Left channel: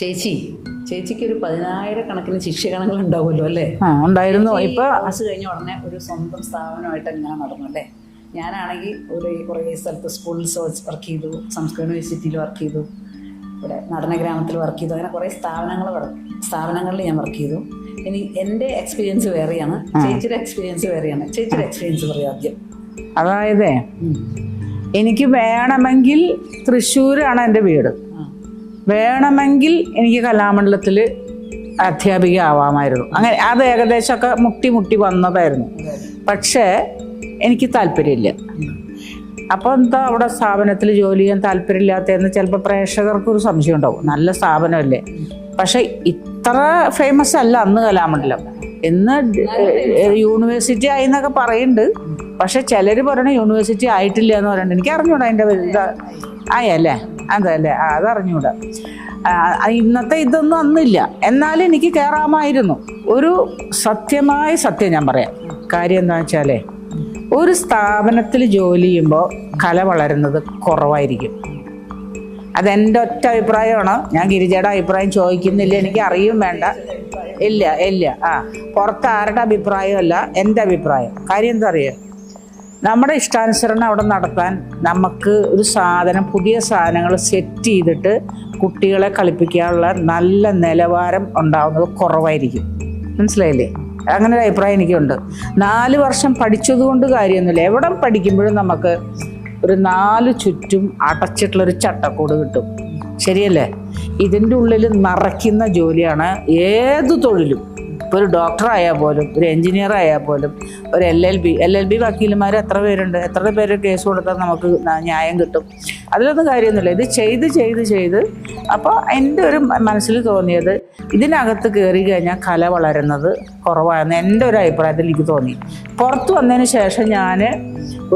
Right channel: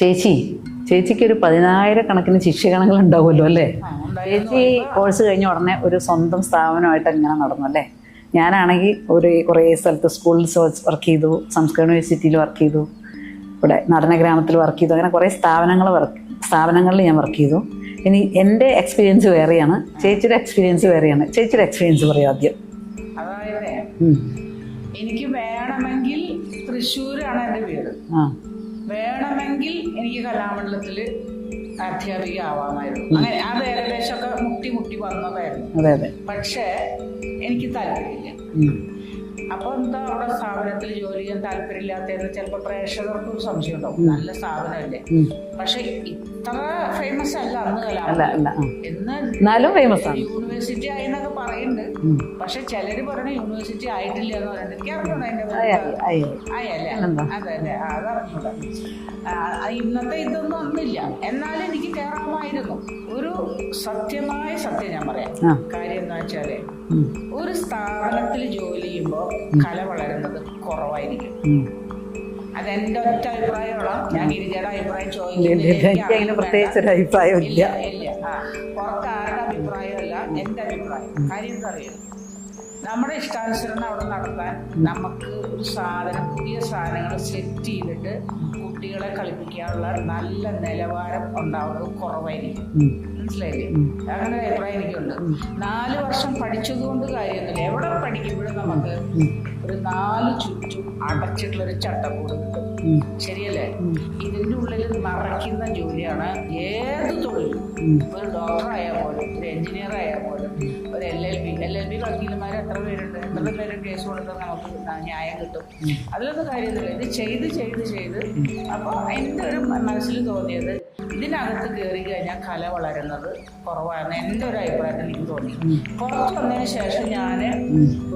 ചേച്ചിക്ക് ഒരു 10,000 ശിക്ഷകണങ്ങൾ ഉണ്ടാവുമല്ലോ അല്ലേ? ഉണ്ടായിരുന്നു. ഇപ്പോൾ കോഴ്സ് കഴിഞ്ഞ ഉടനെ ഒരു സ്വന്തം സ്ഥാപനമായിട്ട് എങ്ങനെ നടന്നു അല്ലേ? ഞാനാണെങ്കിൽ കുറേ സ്ഥലത്ത് സ്കൂളിൽ വർക്ക് ചെയ്തു, സംസ്കൃത യൂണിവേഴ്സിറ്റിയിൽ വർക്ക് ചെയ്തു, ഇവിടെ നടന ഗ്രാമത്തിൽ വർക്ക് ചെയ്തു, അങ്ങനെ കുറേ സ്ഥാപനങ്ങളിൽ ഞാൻ വർക്ക് ചെയ്തു. ഇനി എൻ്റെ എക്സ്പീരിയൻസ് വേറെയാണ്, ചേച്ചിയുടെ എക്സ്പീരിയൻസ് വേറെയാണ്. ചേച്ചിയുടെ എക്സ്പീരിയൻസ് പറയാം ആദ്യം. അതായത് എനിക്ക് വേണമെങ്കിൽ തൃശ്ശൂരാണ് എൻ്റെ വീട്. വേണമെങ്കിൽ എനിക്ക് കലാമണ്ഡലത്തിൽ അധ്യാപിക ആവാമായിരുന്നു. അങ്ങനെ അത് ഏകദേശമൊക്കെ മുട്ടി വന്നതായിരുന്നു. പക്ഷേ എനിക്ക് താല്പര്യമില്ല. അപ്പോൾ എന്താ അവിടെ സ്ഥാപനത്തിൽ ജോലി ചെയ്യാൻ താല്പര്യമില്ലാത്തതെന്ന് ചിലപ്പോൾ പ്രേക്ഷകർക്കൊരു സംശയം ഉണ്ടാവും. നല്ല സ്ഥാപനമല്ലേ, പക്ഷെ ഇത്ര ഫേമസ് അല്ല അന്ന് കലാമണ്ഡലം. ഇന്ന് യൂണിവേഴ്സിറ്റി ആയി എന്നൊക്കെ പറയുന്നുണ്ട്. പക്ഷെ ചിലര് പറയണ യൂണിവേഴ്സിറ്റി ആയിട്ടില്ല എന്ന് പറയുന്നുണ്ട്. എനിക്ക് അറിഞ്ഞൂടാ അതിന്റെ ആയല്ലേ, അതല്ലേ, അതറിഞ്ഞൂടാ. ഇന്നത്തെ ഇതൊന്നും അന്നില്ല. എന്നാലും എനിക്ക് കയറാമായിരുന്നു. ഒരു സത്യമായ സത്യം ഞാൻ പറയാം. കാര്യം എന്താ വെച്ചാലേ, ഒരു സ്ഥാപനത്തിൽ ജോലി ചെയ്യുമ്പോൾ കല വളരുന്നത് കുറവായിരിക്കും. അതെന്റെ ഒറ്റ അഭിപ്രായമാണ്. ഞാൻ ഗിരിജയുടെ അഭിപ്രായം ചോദിക്കുന്നില്ല, എനിക്ക് അറിയും വേണ്ട. ഇല്ല പുറത്ത് ആരുടെ അഭിപ്രായമല്ല, എൻ്റെ അഭിപ്രായം. കാര്യം എന്താ അറിയാം, നമ്മുടെ ഇഷ്ടാനുസരണം അവിടെ നടത്താൻ നമുക്ക് ഒരു പുതിയ സാധനങ്ങൾ സെറ്റ് ചെയ്തിട്ട് കുട്ടികളെ കളിപ്പിക്കാനുള്ള നല്ല നിലവാരം ഉണ്ടാവുന്നത് കുറവായിരിക്കും. മനസ്സിലായില്ലേ? അങ്ങനെ ഒരു അഭിപ്രായം എനിക്കുണ്ട്. 4 വർഷം പഠിച്ചതുകൊണ്ട് കാര്യമൊന്നുമില്ല. എവിടെ പഠിക്കുമ്പോഴും നമുക്ക് ഒരു 4 ചുറ്റും അടച്ചിട്ടുള്ളൊരു ചട്ടക്കൂട് കിട്ടും. ശരിയല്ലേ? ഇതിൻ്റെ ഉള്ളിൽ നിറയ്ക്കുന്ന ജോലിയാണ് ഏത് തൊഴിലും. ഇപ്പോൾ ഒരു ഡോക്ടർ ആയാൽ പോലും, ഒരു എഞ്ചിനീയർ ആയാൽ പോലും, ഒരു LLB വക്കീലന്മാർ എത്ര പേര് കേസ് കൊടുത്താൽ നമുക്ക് ന്യായം കിട്ടും. അതിലൊന്നും കാര്യമൊന്നുമില്ല. ഇത് ചെയ്ത് അപ്പോൾ എൻ്റെ ഒരു മനസ്സിൽ തോന്നിയത്, ഇതിനകത്ത് കയറി കഴിഞ്ഞാൽ കല വളരുന്നത് കുറവാണെന്ന് എൻ്റെ ഒരു അഭിപ്രായത്തിൽ എനിക്ക് തോന്നി. പുറത്ത് വന്നതിന് ശേഷം ഞാൻ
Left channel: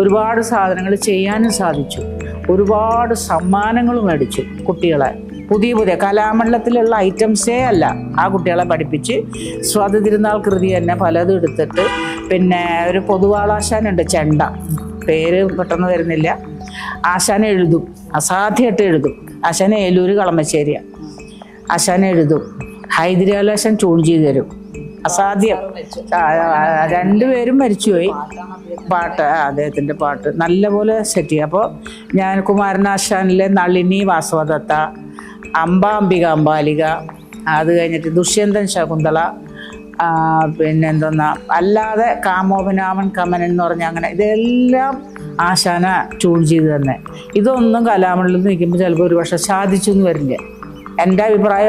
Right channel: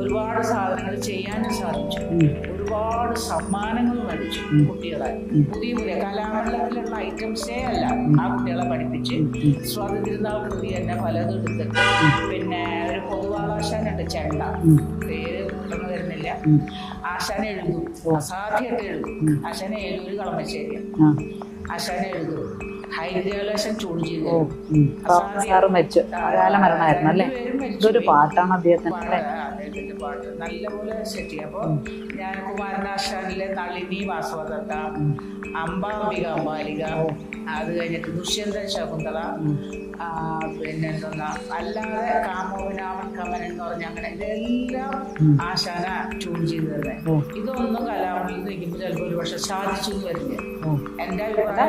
ഒരുപാട് സാധനങ്ങൾ ചെയ്യാനും സാധിച്ചു. ഒരുപാട് സമ്മാനങ്ങളും മേടിച്ചു. കുട്ടികളെ പുതിയ കലാമണ്ഡലത്തിലുള്ള ഐറ്റംസേ അല്ല ആ കുട്ടികളെ പഠിപ്പിച്ച് സ്വാതി തിരുനാൾ കൃതി തന്നെ പലതും എടുത്തിട്ട്, പിന്നെ ഒരു പൊതുവാളാശാനുണ്ട്, ചെണ്ട, പേര് പെട്ടെന്ന് വരുന്നില്ല. ആശാന എഴുതും, അസാധ്യമായിട്ട് എഴുതും. ആശാന ഏലൂര് കളമശ്ശേരിയാണ്. ആശാന എഴുതും, ഹൈദരാലാശൻ ട്യൂൺ ചെയ്ത് തരും. അസാധ്യം. 2 പേരും മരിച്ചുപോയി. അദ്ദേഹത്തിന്റെ പാട്ട് നല്ലപോലെ സെറ്റ് ചെയ്യും. അപ്പോൾ ഞാൻ കുമാരനാശാനിലെ നളിനി വാസവദത്ത, അംബാംബിക, അത് കഴിഞ്ഞിട്ട് ദുഷ്യന്തൻ ശകുന്തള, പിന്നെ എന്തോന്നാ, അല്ലാതെ കാമോപനാമൻ കമനൻ എന്ന് പറഞ്ഞ, അങ്ങനെ ഇതെല്ലാം ആശാന ട്യൂൺ ചെയ്ത് തന്നെ. ഇതൊന്നും കലാമണ്ഡലത്തിൽ നിൽക്കുമ്പോൾ ചിലപ്പോൾ ഒരു പക്ഷെ സാധിച്ചു എന്ന് വരില്ല. എൻ്റെ അഭിപ്രായം